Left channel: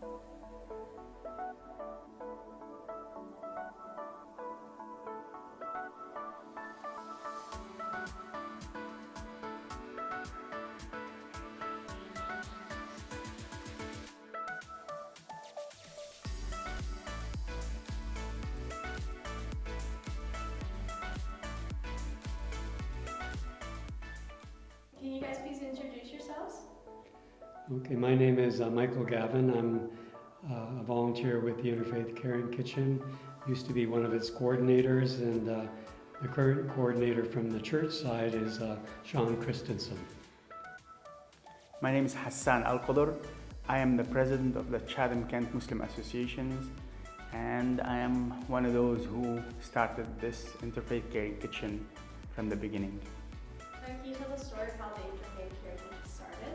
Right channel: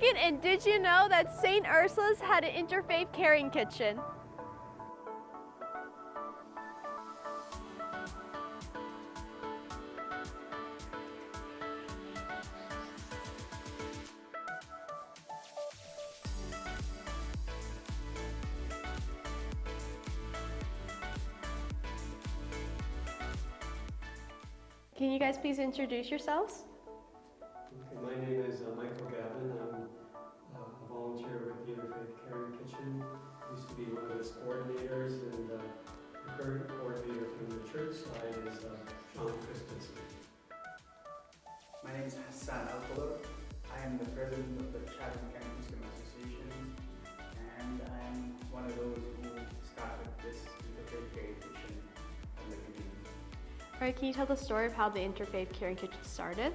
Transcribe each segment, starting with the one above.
Meagan, and did you know that St. Ursula's had an Interfaith Caring Kitchen? Can you guys please introduce yourselves? Okay, my name is Michael Gavin. I'm a volunteer with the Interfaith Caring Kitchen. Used to be one of its coordinators, and the current coordinator from the church side is Sean Christensen. My name is Hassan Alcodor. I am the president of the Chatham-Kent Muslim Associations, and I am one of those who started this Interfaith Caring Kitchen from the beginning. All right, can you tell the story of how the Interfaith Caring Kitchen started?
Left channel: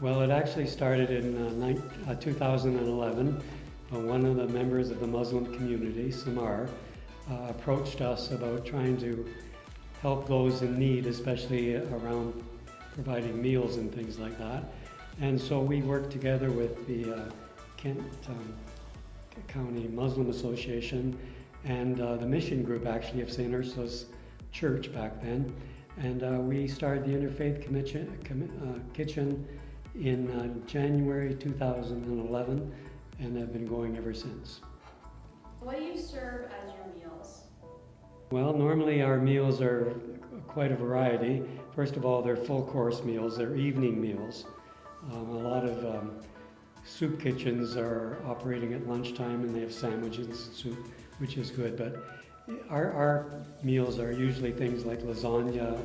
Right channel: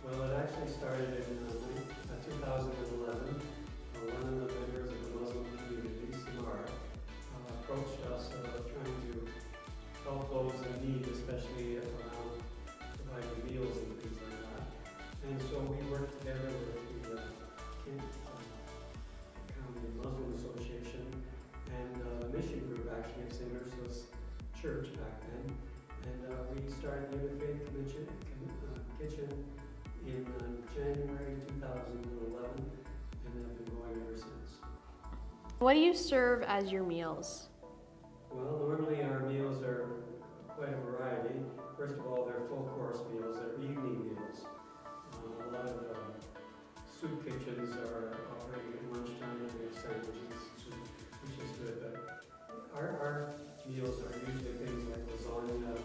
Well, it actually started in 2011. One of the members of the Muslim community, Samar, approached us about trying to help those in need, especially around providing meals and things like that. And so we worked together with the Kent County Muslim Association and the mission group actually of St. Ursula's Church back then. And we started the Interfaith Kitchen in January 2011 and have been going ever since. What do you serve as your meals? Well, normally our meals are quite a variety. First of all, they're full course meals, they're evening meals. A lot of soup kitchens are operating at lunchtime and they have sandwiches and soup, which is good. But our meals are usually things like lasagna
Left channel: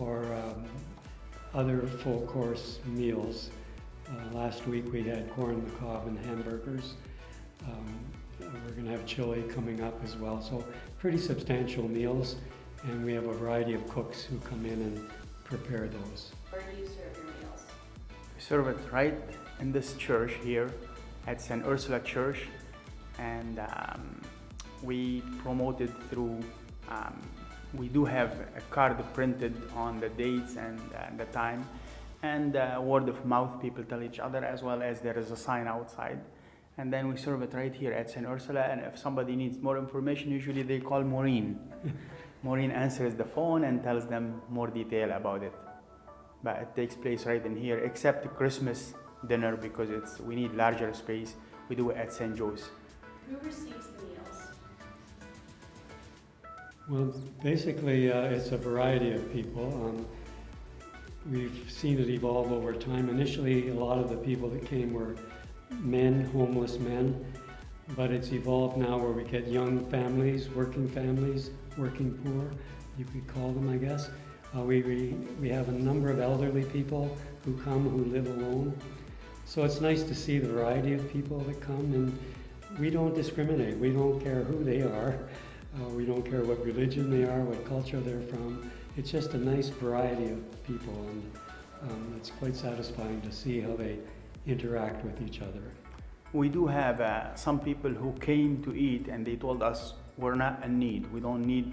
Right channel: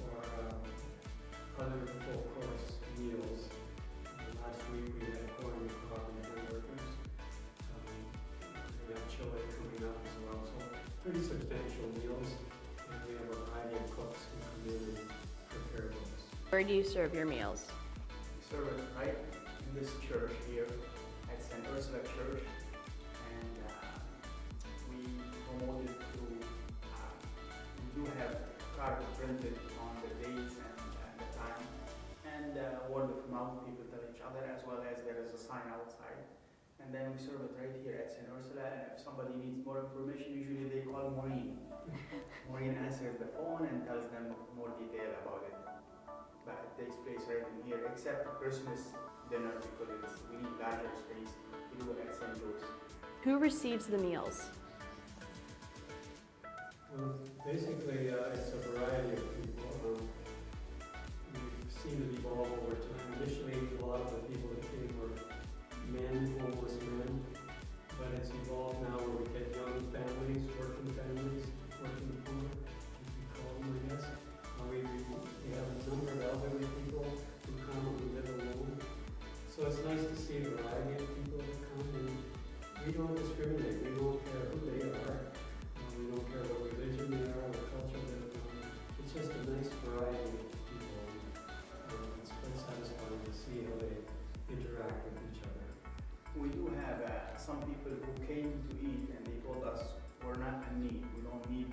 or other full course meals. Last week we had corn on the cob and hamburgers. We're going to have chili coming up as well. So pretty substantial meals, and we have a variety of cooks who come in and prepare those. Where do you serve your meals? We serve it right in this church here at St. Ursula Church, and we promote it through, we do have a card printed on the dates and the time, and word of mouth, people tell each other, as well as there is a sign outside. And then we serve it right here at St. Ursula, and if somebody needs more information, usually they call Maureen. Maureen answers the phone and tells them more detail about it. But it takes place right in here, except the Christmas dinner, because we need larger space. We do it at St. Joe's. Who receives the meals? Well, basically it's a variety of people. We've seen it evolve over time. Initially, a lot of the people that came were men, homeless men, but it's evolved now where we get young families, working poor, you could call them, I guess. We have a number of elderly people who come who live alone. So it's nice to see the variety of people that come, and we don't discriminate. We don't care who they are. We don't care what religion they are, what culture they're from. It's just a nice variety of people, and it's quite satisfying to see how they interact with each other. We do have some people who came to eat and they told us we're not in need. We don't need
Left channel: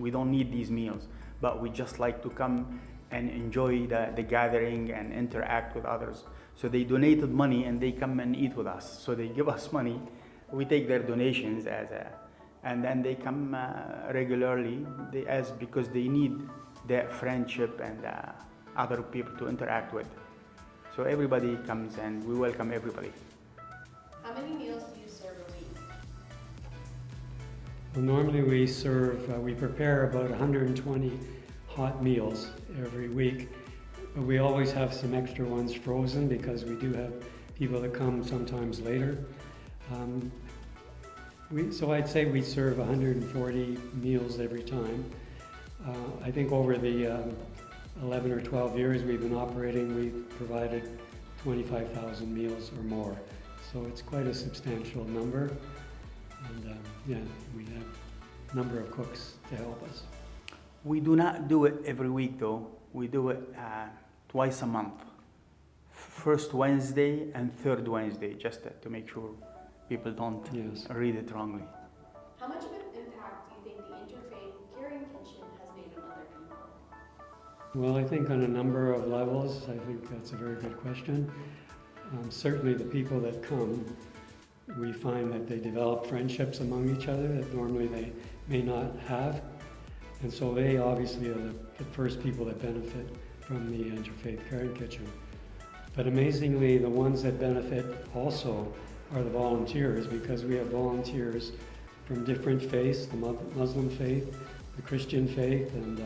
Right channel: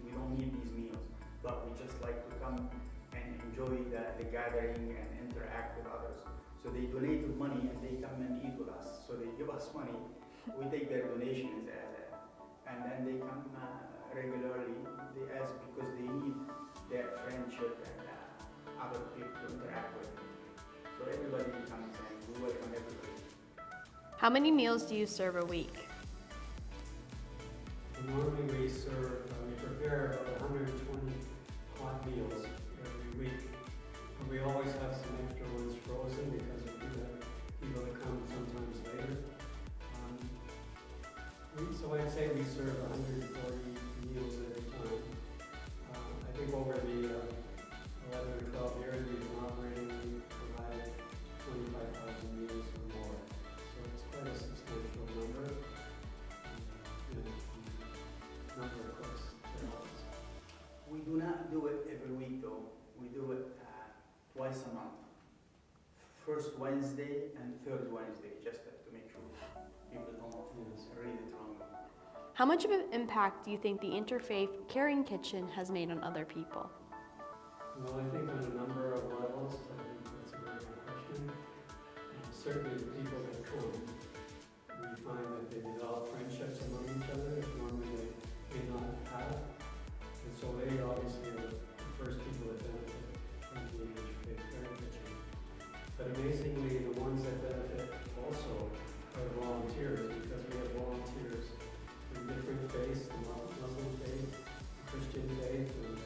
we don't need these meals, but we just like to come and enjoy the gathering and interact with others. So they donated money and they come and eat with us. So they give us money. We take their donations and then they come regularly because they need that friendship and other people to interact with. So everybody comes and we welcome everybody. How many meals do you serve a week? Well, normally we prepare about 120 hot meals every week, but we always have some extra ones frozen because we do have people that come sometimes later. So I'd say we serve 140 meals every time. I think over the 11 or 12 years we've been operating, we've provided 25,000 meals or more. So it's quite a substantial number. And yeah, we have a number of cooks to help us. We do not do it every week though. We do it twice a month. First Wednesday and third Wednesday, just to make sure people don't read it wrongly. How much of an impact do you think the Interfaith Caring Kitchen has made on other people? Well, I think on a number of levels. I think that's a very good question. Certainly the people that come, we find that they develop friendships among each other that normally they may not have. And so they obviously are the first people that benefit from the Interfaith Caring Kitchen. But amazingly, the ones that benefit also are the volunteers, because we have volunteers from different faiths, the Muslim faith, the Christian faith, and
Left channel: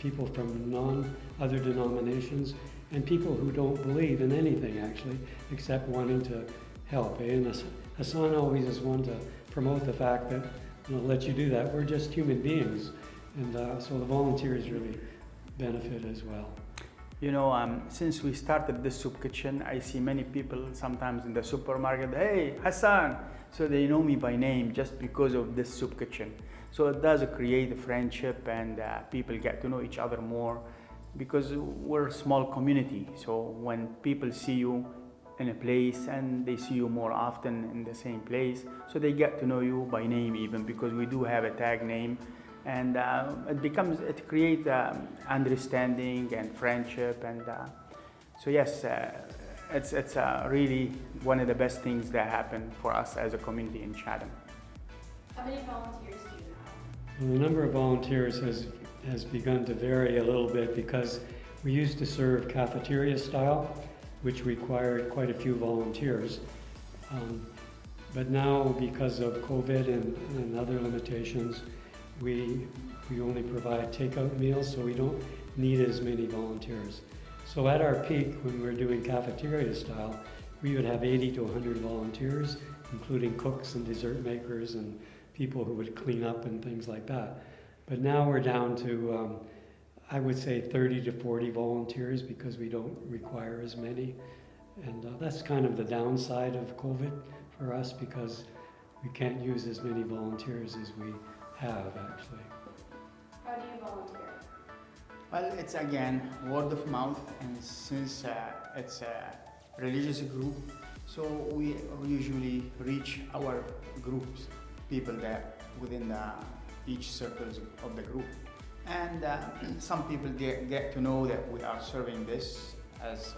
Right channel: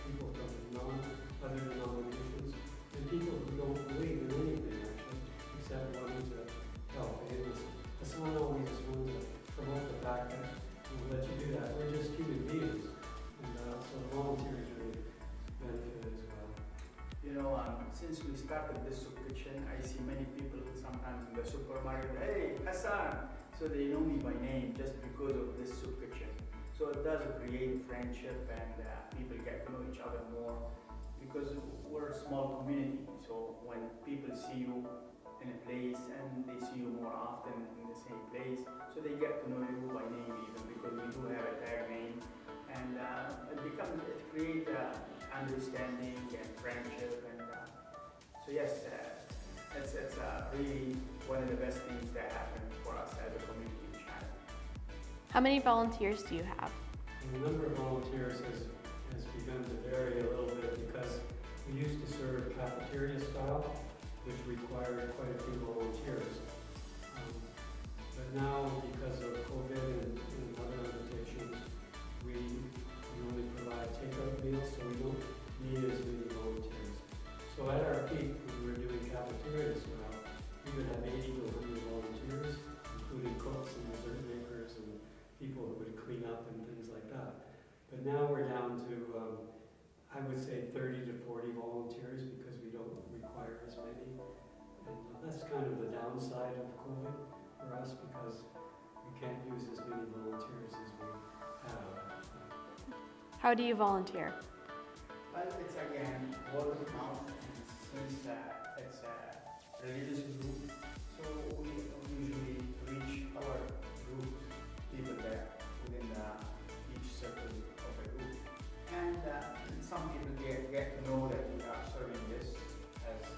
people from other denominations, and people who don't believe in anything actually, except wanting to help. And Hassan always is one to promote the fact that, and I'll let you do that, we're just human beings. And so the volunteers really benefit as well. You know, since we started this soup kitchen, I see many people sometimes in the supermarket, hey, Hassan! So they know me by name just because of this soup kitchen. So it does create a friendship, and people get to know each other more, because we're a small community. So when people see you in a place and they see you more often in the same place, so they get to know you by name even, because we do have a tag name. And it creates understanding and friendship, and so yes, it's really one of the best things that happen for us as a community in Chatham. How many volunteers do you have? Well, the number of volunteers has begun to vary a little bit, because we used to serve cafeteria style, which required quite a few volunteers. But now, because of COVID and other limitations, we only provide takeout meals, so we don't need as many volunteers. So at our peak, when we're doing cafeteria style, we would have 80 to 100 volunteers, including cooks and dessert makers and people who would clean up and things like that. But now we're down to, I would say 30 to 40 volunteers, because we don't require as many. And that's kind of the downside of COVID for us, because we can't use as many volunteers as we have actually. How do you volunteer? Well, it's again word of mouth, and since it's a religious group, so we usually reach our groups, people that within each circles of the group, and some people get to know that we are serving this as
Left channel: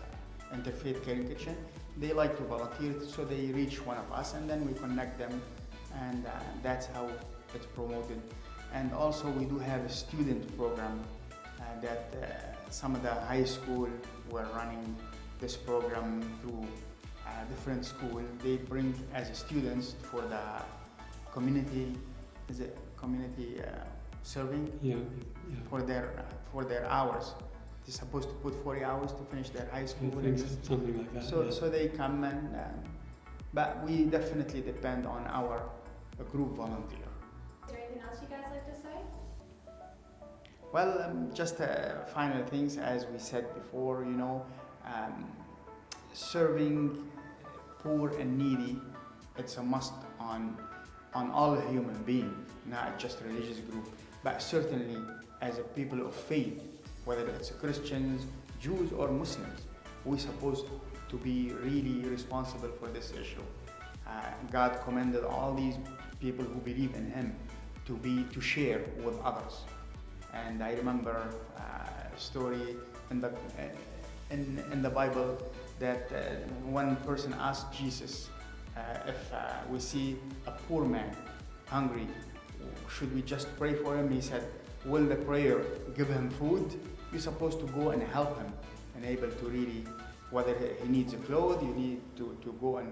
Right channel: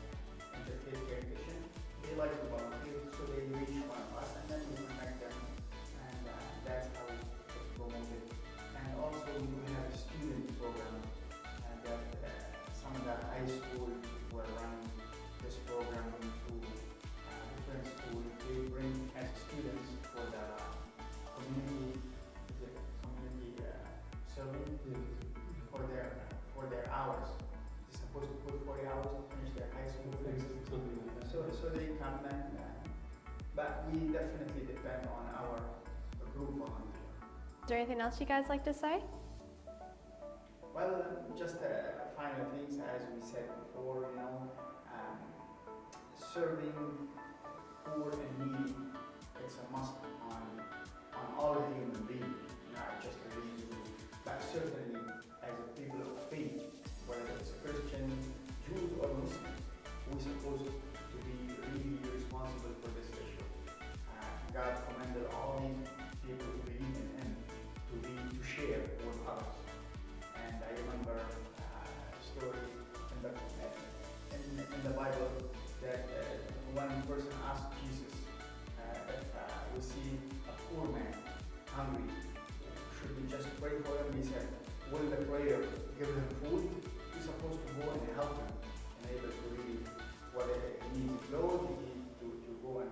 Interfaith Caring Kitchen. They like to volunteer, so they reach one of us, and then we connect them, and that's how it's promoted. And also we do have a student program that some of the high school were running this program through different schools. They bring as students for the community, serving? Yeah. For their hours. They're supposed to put 40 hours to finish their high school. Something like that. So, yeah. so they come and, but we definitely depend on our group volunteer. Is there anything else you guys like to say? Well, just final things, as we said before, you know, serving poor and needy, it's a must on all human beings, not just a religious group, but certainly as a people of faith, whether it's Christians, Jews, or Muslims, we're supposed to be really responsible for this issue. God commended all these people who believe in Him to share with others. And I remember a story in the Bible that one person asked Jesus if we see a poor man hungry, should we just pray for him? He said, will the prayer give him food? You're supposed to go and help him and able to really, whether he needs a clothes, you need to go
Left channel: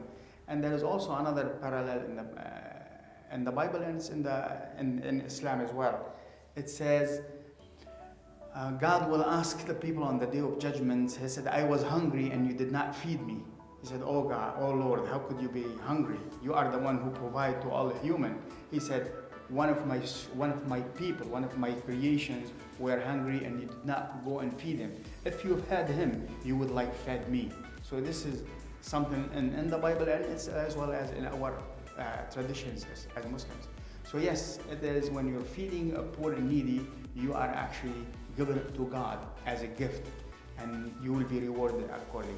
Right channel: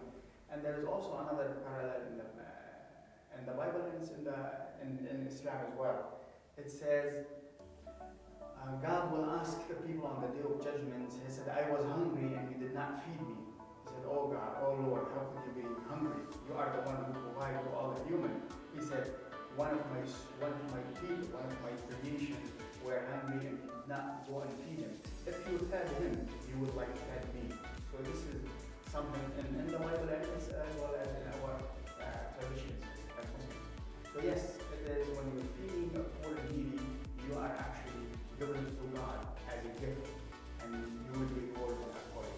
and there is also another parallel in the Bible, and it's in Islam as well. It says, God will ask the people on the day of judgment. He said, I was hungry and you did not feed me. He said, oh God, oh Lord, how could you be hungry? You are the one who provide to all human. He said, one of my people, one of my creations were hungry and you did not go and feed him. If you fed him, you would like fed me. So this is something in the Bible, and it's as well as in our traditions as Muslims. So yes, it is when you're feeding a poor and needy, you are actually giving it to God as a gift, and you will be rewarded accordingly.